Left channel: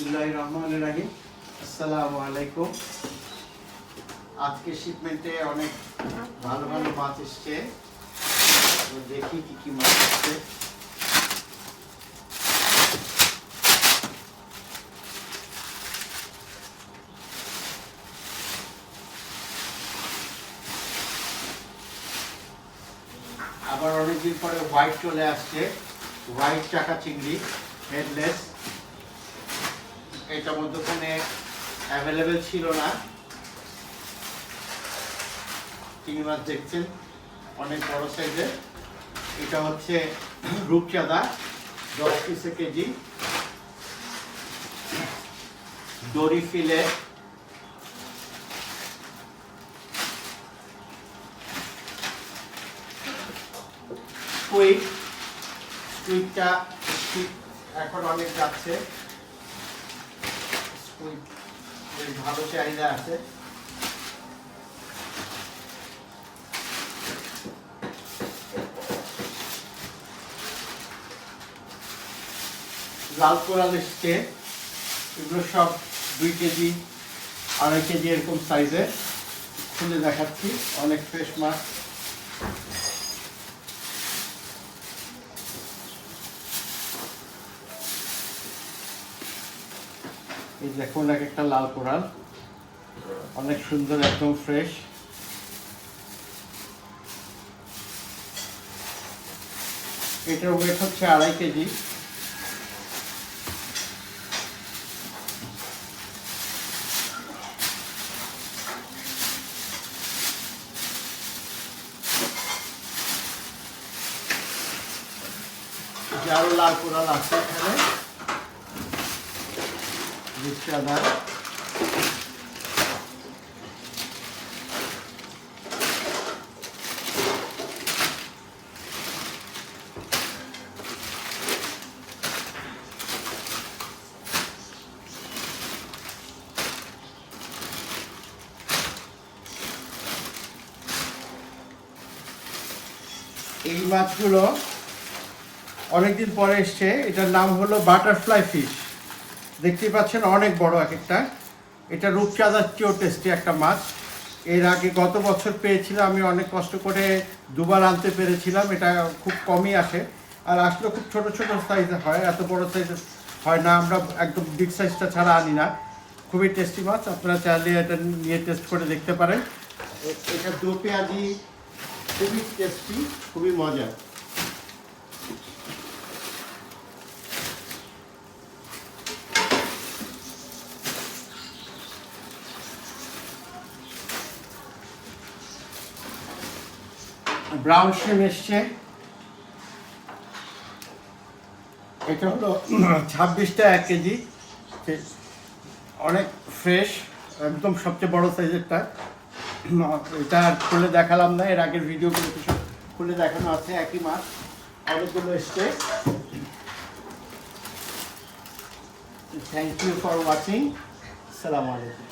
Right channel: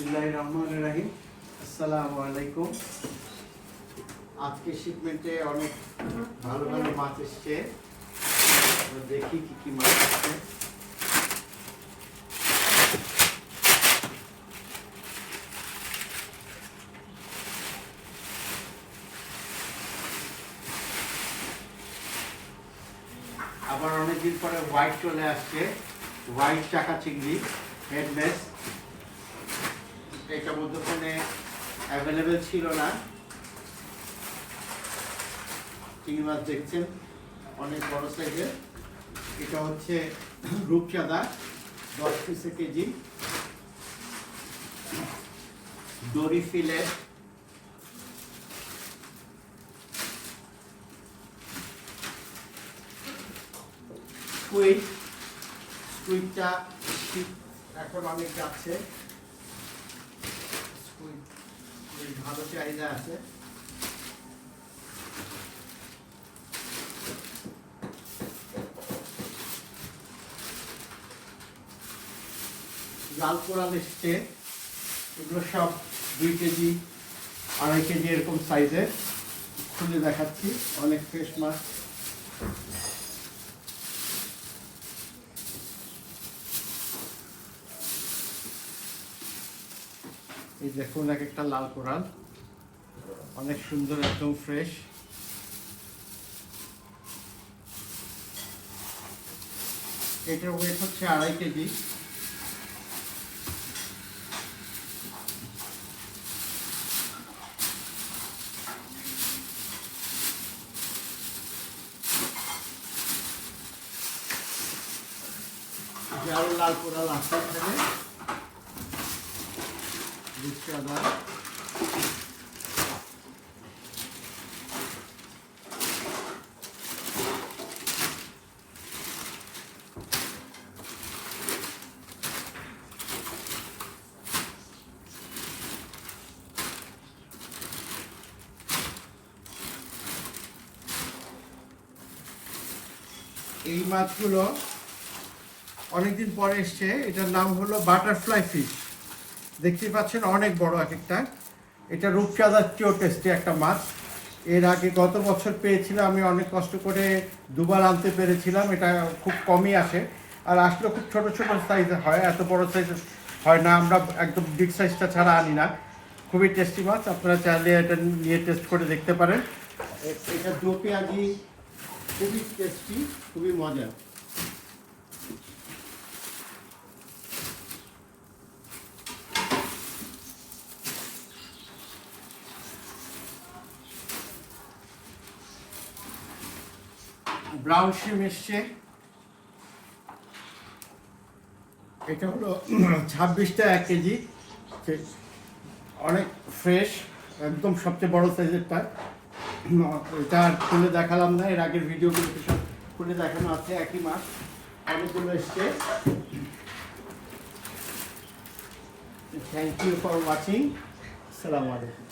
বিসমিল্লাহির রহমানির রহিম। আসসালামু আলাইকুম। আজকে শিপমেন্টে অনেক ভালো ভালো মাছ এসছে। দেখি কি কি মাছ আসছে। আবার অনেকদিন পরে হোয়াইট চলে আসছে, হোয়াইট চাকা চিংড়ি, হেডলেস। এটা মধ্যখানে অ্যাভেলেবেল ছিল না। চিংড়ি মাছ দেখছেন অনেক বড় সাইজের। এটা হচ্ছে রূপচাঁদা, 10 পিসে কেজি। দড়ি ফিলে, স্কুইডটা এখন অনেক যাচ্ছে, স্কুইড ভালো চাহিদা আছে। লাল কোরাল এসছে, এগুলো সব 2 কেজি 2.5 কেজি এরকম সাইজের। খুলে দেখাচ্ছি, অনেক ফ্রেশ মাছ। এই দেখুন এক একটা লাল কোরাল, অনেক সুন্দর, একদম ফ্রেশ। এটার ওয়েট হচ্ছে 2.5 কেজি। আরো লাল কোরাল আছে এখানে, রূপচাঁদা। এই মাছগুলো অনেকদিন পরে এসছে। এটার নাম হলো বাটারফ্লাই ফিশ। দেখতেই পাচ্ছেন অনেক বড় এক একটা। এটা রূপচাঁদার চেয়েও টেস্টি একটা মাছ। এর আগে গত বছর পেয়েছিলাম, আমি অনেক কষ্ট করে 2বার আনতে পেরেছিলাম। এটা খুব কমই আসে, আর আসলে খুব ছোট ছোট সাইজের হয়, এত বড় সাইজের হয় না। আমরা একদম বিগ সাইজটা ছাড়া আনি না। খুবই টেস্টি মাছ, আপনারা চাইলে এটা নিয়ে টেস্ট করে দেখতে পারেন। এটা দো পেঁয়াজি, খুবই টেস্টি, খুবই মজা। ব্রাউন শিম এসছে, এটা হলো 26 টাকা 1 কেজি। অনেক ফ্রেশ, একদম সবচেয়ে বড় সাইজেরটা। এটা আর খুলে দেখালাম না, এর আগের ভিডিওগুলো কিছু খুলে দেখানো আছে। একই মাছ অনেকগুলো এসছে। Thank you for watching. আসসালামু আলাইকুম।